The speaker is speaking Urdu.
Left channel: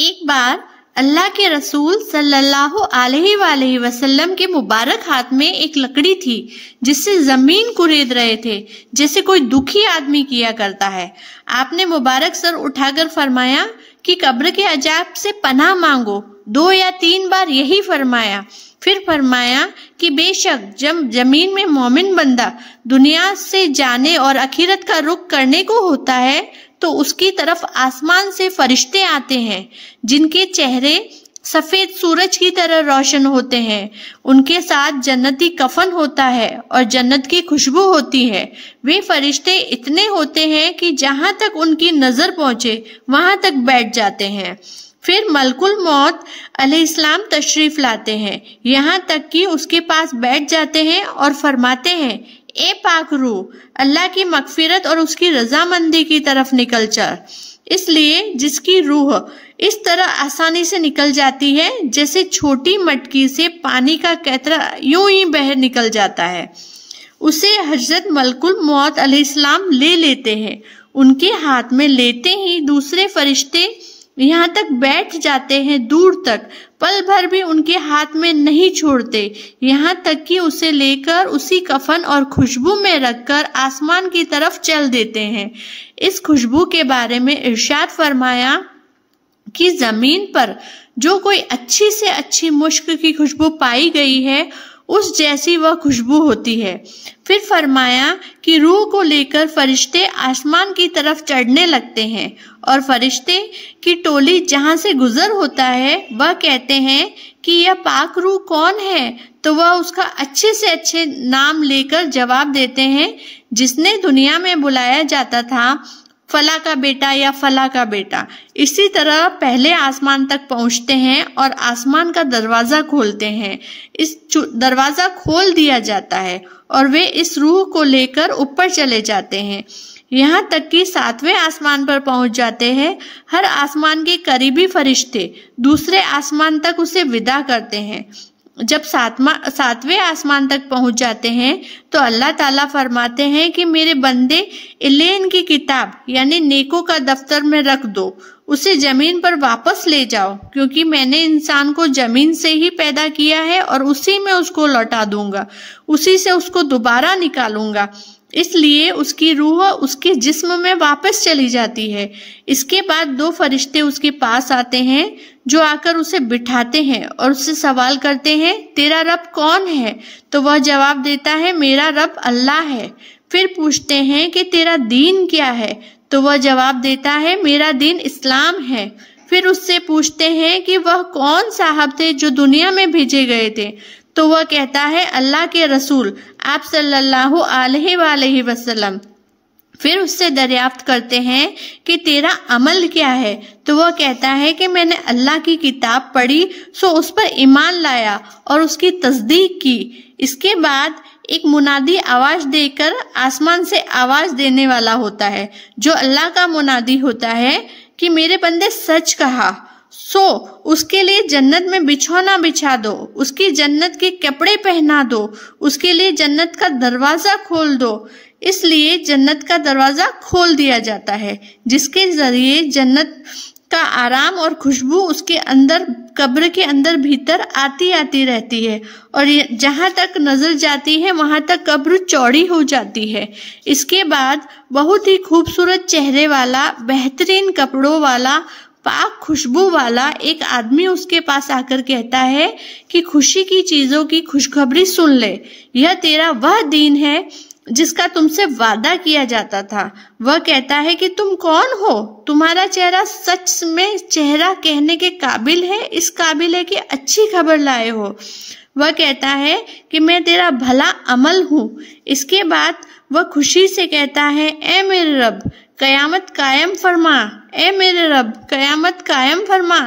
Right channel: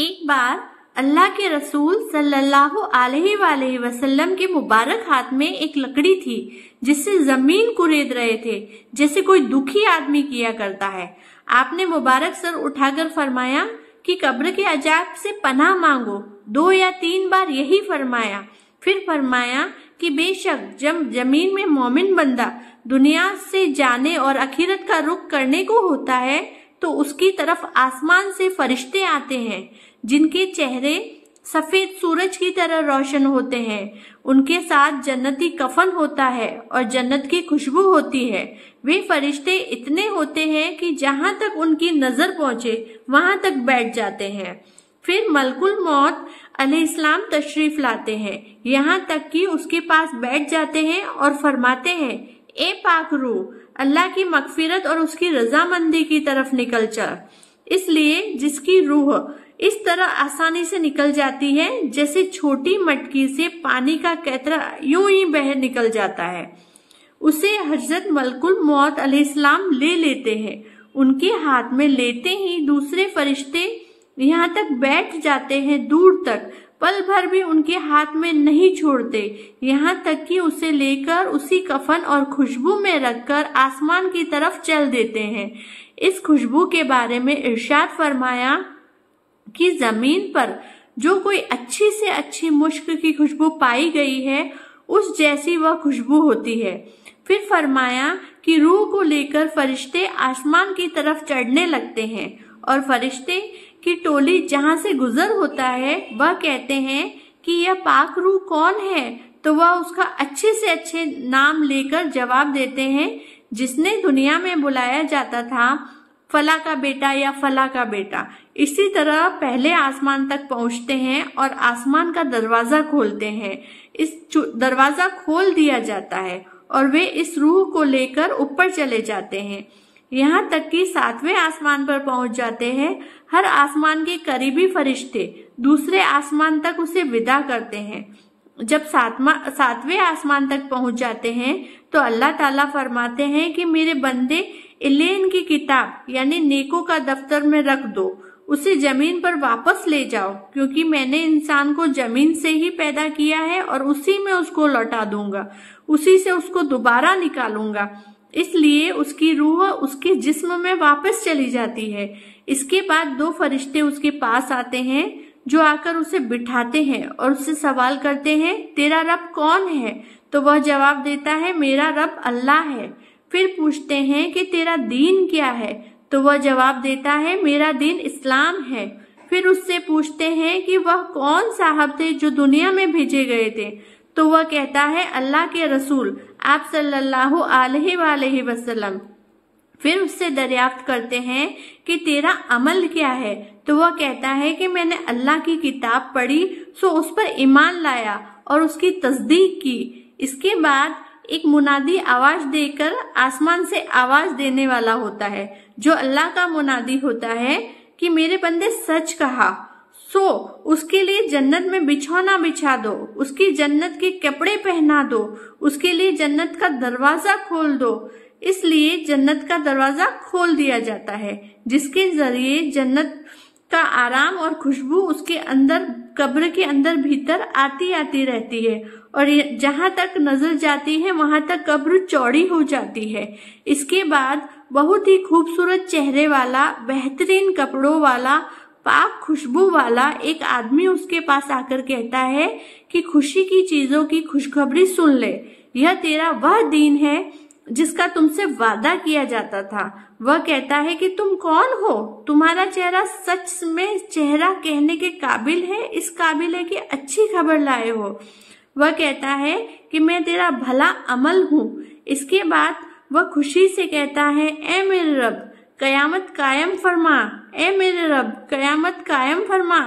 ایک بار اللہ کے رسول صلی اللہ علیہ وسلم کے مبارک ہاتھ میں ایک لکڑی تھی جس سے زمین کورید رہے تھے جیسے کوئی دکھی آدمی کیا کرتا ہے۔ آپ نے مبارک سر اٹھا کر فرمایا کہ قبر کے عذاب سے پناہ مانگو، 2 یا 3 بار یہی فرمایا۔ پھر فرمایا کہ بے شک جب زمین میں مومن بندہ دنیا سے جانے اور آخرت کا رخ کرنے کو ہوتا ہے تو اس کی طرف آسمان سے فرشتے آتے ہیں جن کے چہرے سفید سورج کی طرح روشن ہوتے ہیں، ان کے ساتھ جنتی کفن ہوتا ہے اور جنت کی خوشبو ہوتی ہے۔ وہ فرشتے اتنے ہوتے ہیں کہ جہاں تک ان کی نظر پہنچے وہاں تک بیٹھ جاتے ہیں۔ پھر ملک الموت علیہ السلام تشریف لاتے ہیں، یہاں تک کہ اس کے پاس بیٹھ جاتے ہیں اور فرماتے ہیں، اے پاک روح، اللہ کی مغفرت اور اس کی رضامندی کی طرف نکل چل۔ اس لیے جس کی روح اس طرح آسانی سے نکل جاتی ہے جیسے چھوٹی مٹکی سے پانی کا قطرہ یوں ہی بہہ نکل جاتا ہے، اسے حضرت ملک الموت علیہ السلام لے لیتے ہیں۔ ان کے ہاتھ میں لیتے ہی دوسرے فرشتے یہاں تک بیٹھ جاتے ہیں، دور تک پل بھر بھی ان کے ہاتھ میں نہیں چھوڑتے، یہاں تک کہ اسے لے کر اسی کفن اور خوشبو میں رکھ کر آسمان کی طرف چل دیتے ہیں۔ اس خوشبو کے بارے میں ارشاد فرمایا کہ زمین پر جو کوئی اچھی سے اچھی مشک کی خوشبو پائی گئی ہے اس جیسی وہ خوشبو ہوتی ہے۔ پھر فرمایا کہ روح کو لے کر فرشتے آسمان کی طرف چڑھنے لگتے ہیں اور فرشتے کی ٹولی جہاں سے گزر ہوتا ہے وہ کہتے ہیں کہ یہ پاک روح کون ہے، تو وہ اس کا اچھے سے اچھے نام لے کر جواب دیتے ہیں، جس نے دنیا میں بلایا جاتا تھا فلاں کا بیٹا یا فلاں کا بیٹا۔ اسی طرح پہلے آسمان تک پہنچتے ہیں اور آسمان کا دروازہ کھولتے ہیں، اس دروازہ کھول دیا جاتا ہے اور وہ اس روح کو لے کر اوپر چلے جاتے ہیں، یہاں تک کہ 7ویں آسمان پر پہنچ جاتے ہیں۔ ہر آسمان کے قریبی فرشتے دوسرے آسمان تک اسے ودا کرتے ہیں۔ جب 7ویں آسمان تک پہنچ جاتے ہیں تو اللہ تعالیٰ فرماتے ہیں کہ میرے بندے علین کی کتاب یعنی نیکوں کا دفتر میں رکھ دو، اسے زمین پر واپس لے جاؤ، کیونکہ میں نے انسان کو زمین سے ہی پیدا کیا ہے اور اسی میں اس کو لوٹا دوں گا، اسی سے اس کو دوبارہ نکالوں گا۔ اس لیے اس کی روح اس کے جسم میں واپس چلی جاتی ہے۔ اس کے بعد 2 فرشتے اس کے پاس آتے ہیں جو آ کر اسے بٹھاتے ہیں اور اس سے سوال کرتے ہیں، تیرا رب کون ہے؟ تو وہ جواب دیتا ہے، میرا رب اللہ ہے۔ پھر پوچھتے ہیں کہ تیرا دین کیا ہے؟ تو وہ جواب دیتا ہے، میرا دین اسلام ہے۔ پھر اس سے پوچھتے ہیں کہ وہ کون صاحب تھے جو دنیا میں بھیجے گئے تھے؟ تو وہ کہتا ہے، اللہ کے رسول آپ صلی اللہ علیہ وسلم۔ پھر اس سے دریافت کرتے ہیں کہ تیرا عمل کیا ہے؟ تو وہ کہتا ہے کہ میں نے اللہ کی کتاب پڑھی سو اس پر ایمان لایا اور اس کی تصدیق کی۔ اس کے بعد ایک منادی آواز دے کر آسمان سے آواز دینے والا ہوتا ہے جو اللہ کا منادی ہوتا ہے کہ میرے بندے سچ کہا، سو اس کے لیے جنت میں بچھونا بچھا دو، اس کی جنت کے کپڑے پہنا دو، اس کے لیے جنت کا دروازہ کھول دو۔ اس لیے جنت کا دروازہ کھول دیا جاتا ہے جس کے ذریعے جنت کا آرام اور خوشبو اس کے اندر قبر کے اندر بھیتر آتی رہتی ہے اور جہاں تک نظر جاتی ہے وہاں تک قبر چوڑی ہو جاتی ہے۔ اس کے بعد بہت ہی خوبصورت چہرے والا، بہترین کپڑوں والا، پاک خوشبو والا ایک آدمی اس کے پاس آ کر کہتا ہے کہ خوشی کی چیزوں کی خوشخبری سن لے، یہ تیرا وہ دین ہے جس کا تم سے وعدہ کیا جاتا تھا۔ وہ کہتا ہے کہ تم کون ہو؟ تمہارا چہرہ سچ میں چہرہ کہنے کے قابل ہے، اس قابل ہے کہ اچھی خبر لائے ہو۔ وہ کہتا ہے کہ میں تیرا بھلا عمل ہوں۔ اس کے بعد وہ خوشی سے کہتا ہے، اے میرے رب قیامت قائم فرما، اے میرے رب قیامت قائم فرما۔